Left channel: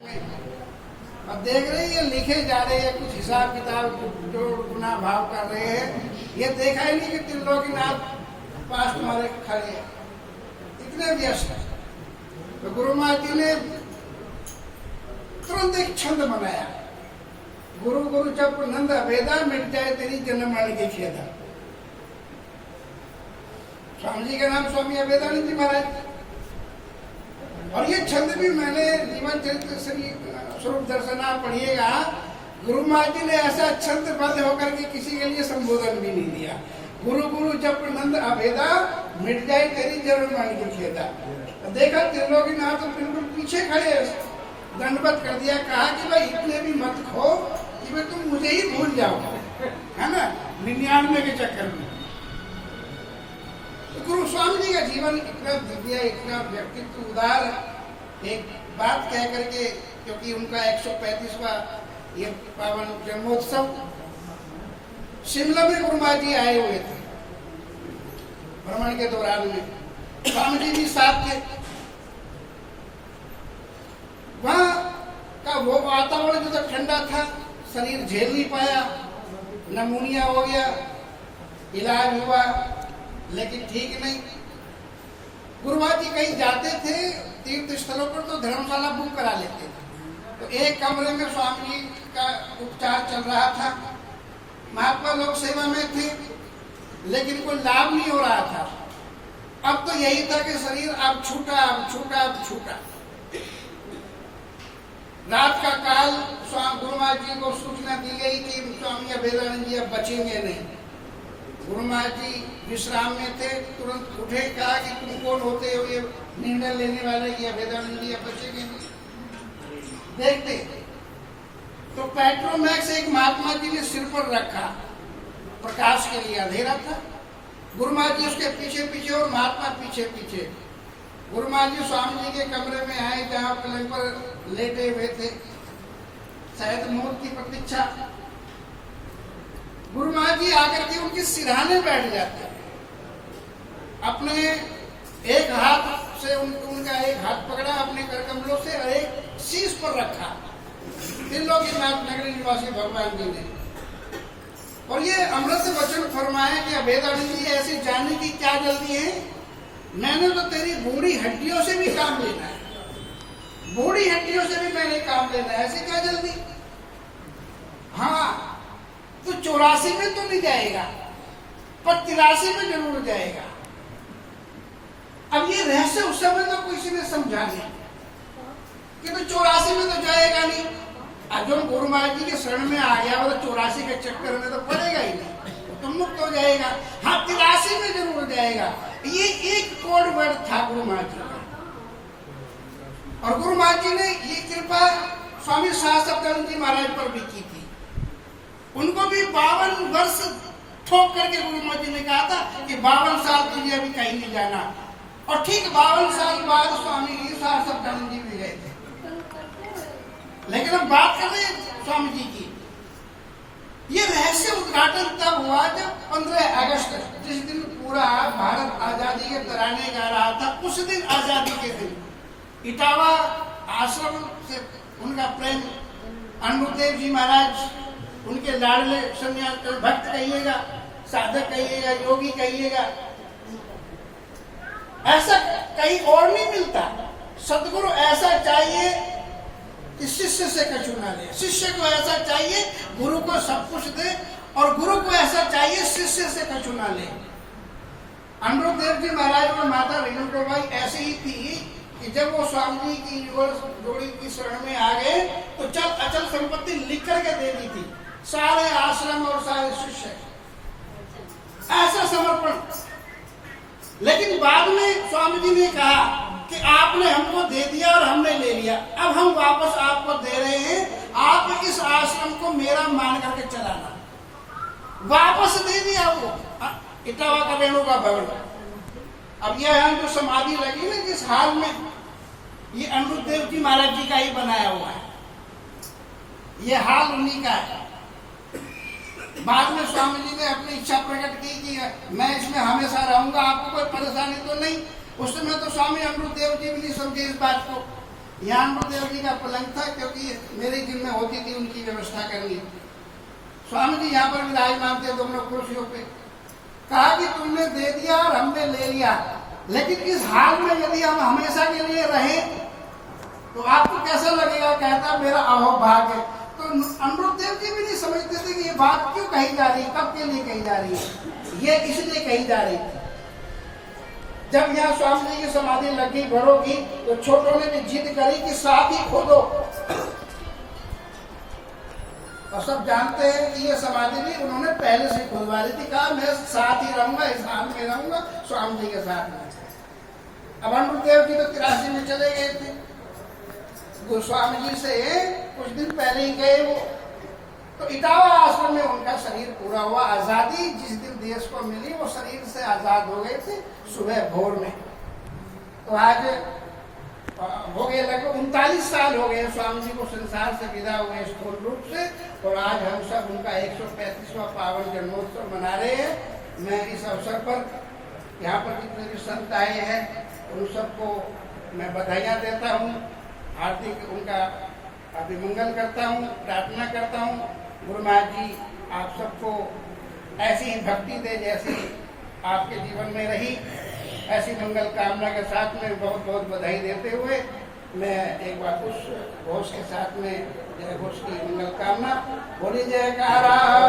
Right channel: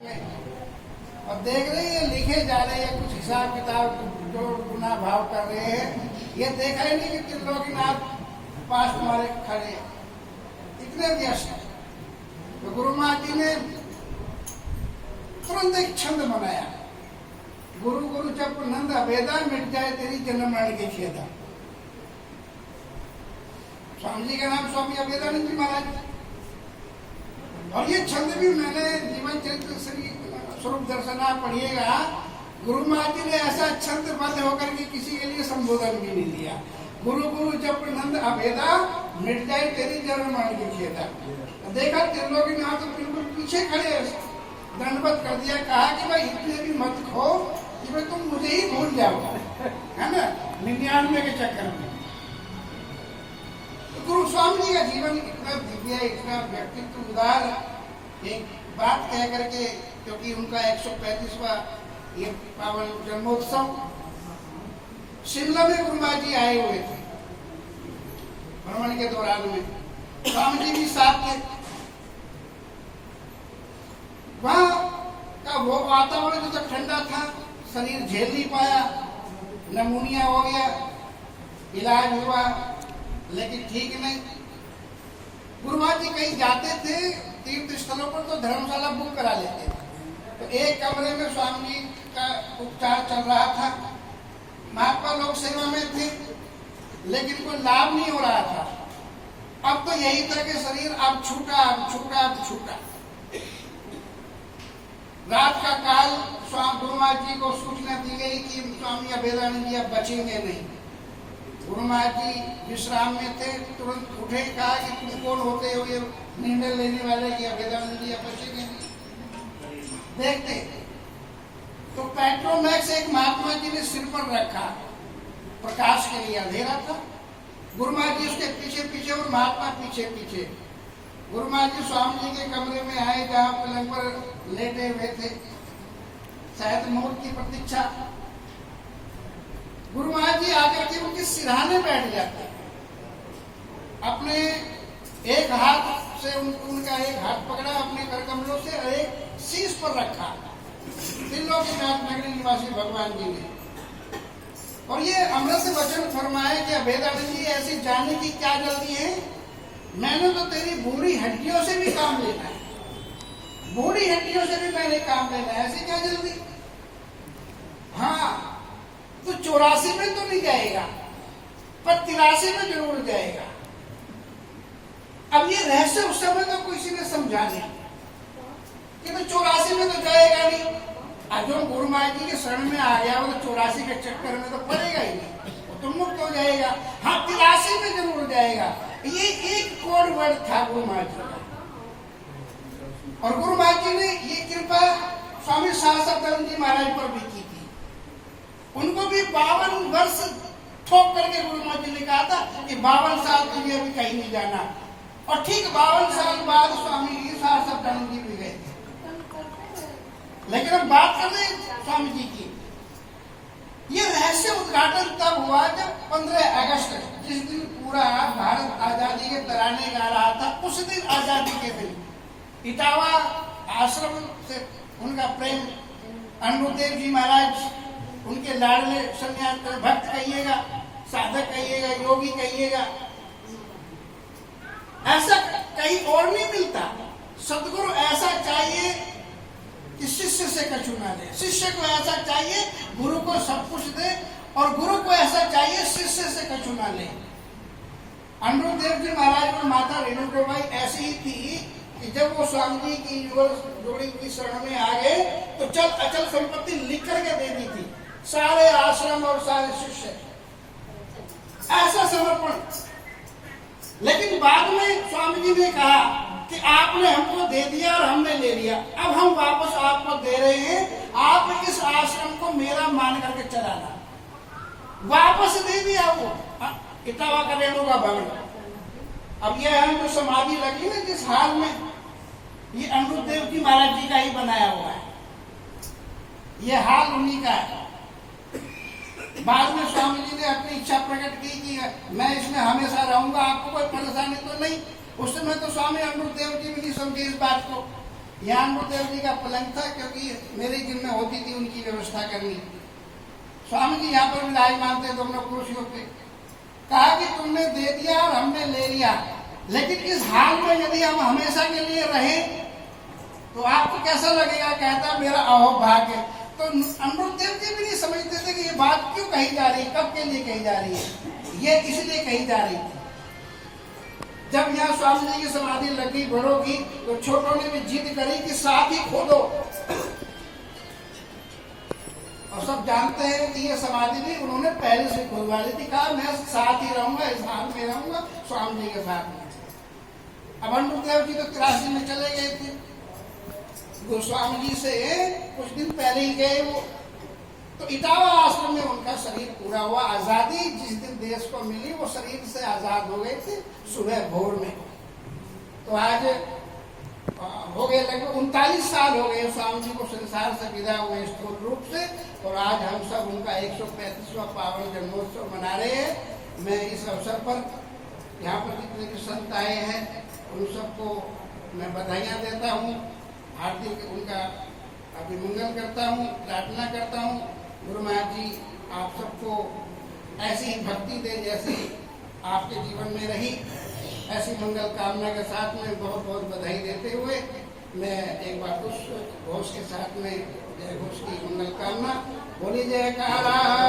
अब देख रहे हैं लिखे जा रहे हैं कुछ हिसाब किताब जो गुना भाव कर रहे हैं। ये देखा ही नहीं कि त्रिलोकीनाथ पास तुम्हारे खड़े हैं, इतने व्यस्त हैं। तो गुरु महाराज जी ने तुरंत एक छंद बनाया, गुरु गुरु जब नंद अभेदा मिट जाए तेरी जन्म मरण की खेदा। स्वामी जी का नाम स्वामी अभेदानंद जी महाराज, और ये छंद भी मैंने जीवन चरित्र स्वरूप दर्शना पढ़िएगा। गुरु महाराज जी ने ऐसा छंद बद्ध होकर के किसी के लिए संबोधन भी नहीं दिया। गुरु गुरु जब नंद अभेदा मिट जाए तेरी जन्म मरण की खेदा। देखा त्रिलोकीनाथ तो बिल्कुल पीछे खड़े, दंडवत कर दिया, कहा कि भाई इतने भी मत खो कि भाई तुम मुझे ही भूल जाओ, है ना, 99 के चक्कर में। तो गुरु स्वामी जी का जीवन इतना दिव्य, इतना व्यक्तित्व उदार। एक बात कह करके, क्योंकि उनका 135वां ये पावन जन्मोत्सव शिमला में गुरु महाराज जी आए हुए थे भ्रमण के दौरान में, स्वामी जी भी साथ थे। वहां का वो वातावरण जो ठंडा था, शरीर झेल नहीं पाया, नमूनिया हो गया, इलाज हुआ लेकिन ठीक नहीं। गुरु महाराज जी कहीं जाते थे तीर्थ स्थलों पर तो धर्मशाला बुक करा लेते थे। तो एक कमरे में स्वामी जी का उपचार चल रहा था, महात्मा लोग सेवा में थे लेकिन कोई लाभ नहीं हो रहा था। अब तो यही था कि शरीर अब छूटा, अब छूटा, अब छूटा। रात का काल गुरु महाराज जी को सूचना दी गई कि स्वामी अभेदानंद जी अब बचेंगे नहीं। गुरु महाराज जी विश्राम में थे, तुरंत उठे, कहा कि तुम कौन होते हो ये निर्णय लेने वाले कि अभेदानंद जी अब बचेंगे नहीं। देखते तो पेट्रोमैक्स एक महात्मा जी ने सिर पर रखा, प्रकाश के लिए, अंधेरा था। गुरु महाराज जी उसके पीछे पीछे और महात्मा पीछे पीछे। गुरु महाराज जी स्वामी जी के कमरे में आए जहाँ पलंग पर लेटे हुए थे, शायद मौत की प्रतीक्षा। गुरु महाराज जी आकर के उनके सिरहाने बैठ जाते, अपने एक हाथ से उनका एक हाथ पकड़ा अपने कर कमलों से और एक शीश पर रखा त्रिलोकीनाथ नगरी निवासी भगवान जी ने, और ये अमृत से वचन फरमाया कि अभेदानंद जी ऐसे जाने की क्या जल्दी है, मैंने तो तेरी बूढ़ी हड्डियों से भी काम लेना है, बूढ़ी हड्डियों से भी मैंने काम लेना है, ऐसे क्या जल्दी। हाँ तो 84 में तो नहीं जाएगा पर 83 में जरूर जाएगा। अब ये रहस्य उस समय तो किसी ने समझा नहीं कि तो 84 में तो जाएगा नहीं। अर्जुन गुरु महाराज जी के शरण में आ गया वो तो 84 के चक्कर में तो पड़ेगा ही नहीं, वो तो मुक्त हो जाएगा। हाँ 83 में जरूर जाएगा। ये एक कोड वर्ड था गुरु महाराज जी का, और गुरु महाराज जी ने ये कृपा स्वामी सहस्त्रानंद जी महाराज पर भी की थी। उनको भी 52 वर्ष ठोक करके गुरु महाराज जी ने कहा था कि 52 साल तुझे अभी कहीं नहीं जाना, और ठीक 52 साल बाद स्वामी सहस्त्रानंद जी भी गए थे। लेकिन हम बात कर रहे हैं स्वामी जी की, ये रहस्य उद्घाटन तब हुआ जब 15 अगस्त, जिस दिन पूरा भारत आजादी के तराने गा रहा था, उस दिन आजादी के दिन इटावा आश्रम से उनका प्रेम, अनुभूदेव जी महाराज, उनके लाडले सन्यास भक्त कहिएगा, साधक कहिएगा, योगी कहिएगा, ऐसा कहीं और नहीं मिलता। सदगुरु ऐसा चाहिए कि शिष्य से कछु ना ले, शिष्य को ऐसा चाहिए गुरु को सब कुछ दे, और गुरु को ऐसा चाहिए शिष्य से कछु ना ले। अनुभूदेव जी महाराज और माता रेणुकाबाई ऐसी ही थी कि जब वो स्वामी जी की जोड़ी की शरण में आ गए तो चल अचल संपत्ति लिख करके दे दी थी, सारे आश्रम और सारे शिष्य, ऐसा समर्पण। लेकिन बाद में स्वामी जी ने कहा कि आपने हमको दे दिया और हमने ले लिया, अब हम वापस आपको दे रहे हैं, आप इस आश्रम को मेरा मान करके चलाना। वापस दे दिया वो इटावा का रेणुका भवन। अब यह यहाँ जो समाधि लगी ना जिस हाल में, ये अनुभूदेव जी महाराज जी का ही बनाया हुआ है, ये हाल उन्हीं का है। बाद में स्वामी जी ने अपनी इच्छा प्रकट की कि मैं इसमें हमेशा रहूंगा, आपको कोई परेशानी तो नहीं। उस समय तो स्वामी अनुभूदेव जी भी नहीं समझे इस बात को, यहाँ गुरुदेव जी का पलंग था, क्योंकि मेरी जिम्मे होती थी उनकी व्यवस्था करनी। स्वामी जी यहाँ पर विराजमान थे दोनों कुर्सियों पे। कहा कि तुमने दे दिया और हमने ले लिया, लेकिन इस हाल में यदि हम हमेशा के लिए रहे तो आपको कैसा लगेगा? कहता मेरा अहोभाग्य। तो अमृतदेव जी भी नहीं समझते थे कि ये बात क्यों कही जा रही है, कब के लिए कही जा रही है। ये इसलिए कही जा रही थी, जब यहाँ स्वामी जी की समाधि लगी बड़ों की, तो छोटों ने भी जिद करी कि साथ ही खोदो। और सब जानते हैं कि ये समाधि भी उन्होंने पहले से खुलवा ली थी। कहा मैं साथ ही रहूंगा, इस हाल में रहूंगा स्वामी जी के साथ में। अब अमृतदेव जी तो 83 में चले गए थे, गोस्वामी जी से कुछ दिन पहले ही गए वो। तो इटावा आश्रम में उनका शरीर पूरा हुआ। आजादी जिस दिन देश को मिली वो शरीर से आजाद हो गए थे सुबह भोर में। तो आज हो गए लगभग 39 साल हो गए स्वामी जी को संसार से विदा हुए स्थूल रूप से। और आज हम सब उनका 135वां पावन जन्मोत्सव मना रहे हैं। मैं इस अवसर पर यहाँ पर जितने भी संत आए हैं उन सबको मैं बधाइयाँ देता हूँ, हार्दिक उनका अभिमंगल करता हूँ, प्रार्थना करता हूँ। गुरु महाराज जी आप सबको ऐसी ही भक्ति दे जैसी आपके जीवन में रही। ऐसी मंगल कामना के साथ में बहुत बहुत बधाई देते हुए मैं एक बार उस घोष के साथ में जय घोष की मंगल कामना बोली जयकारा।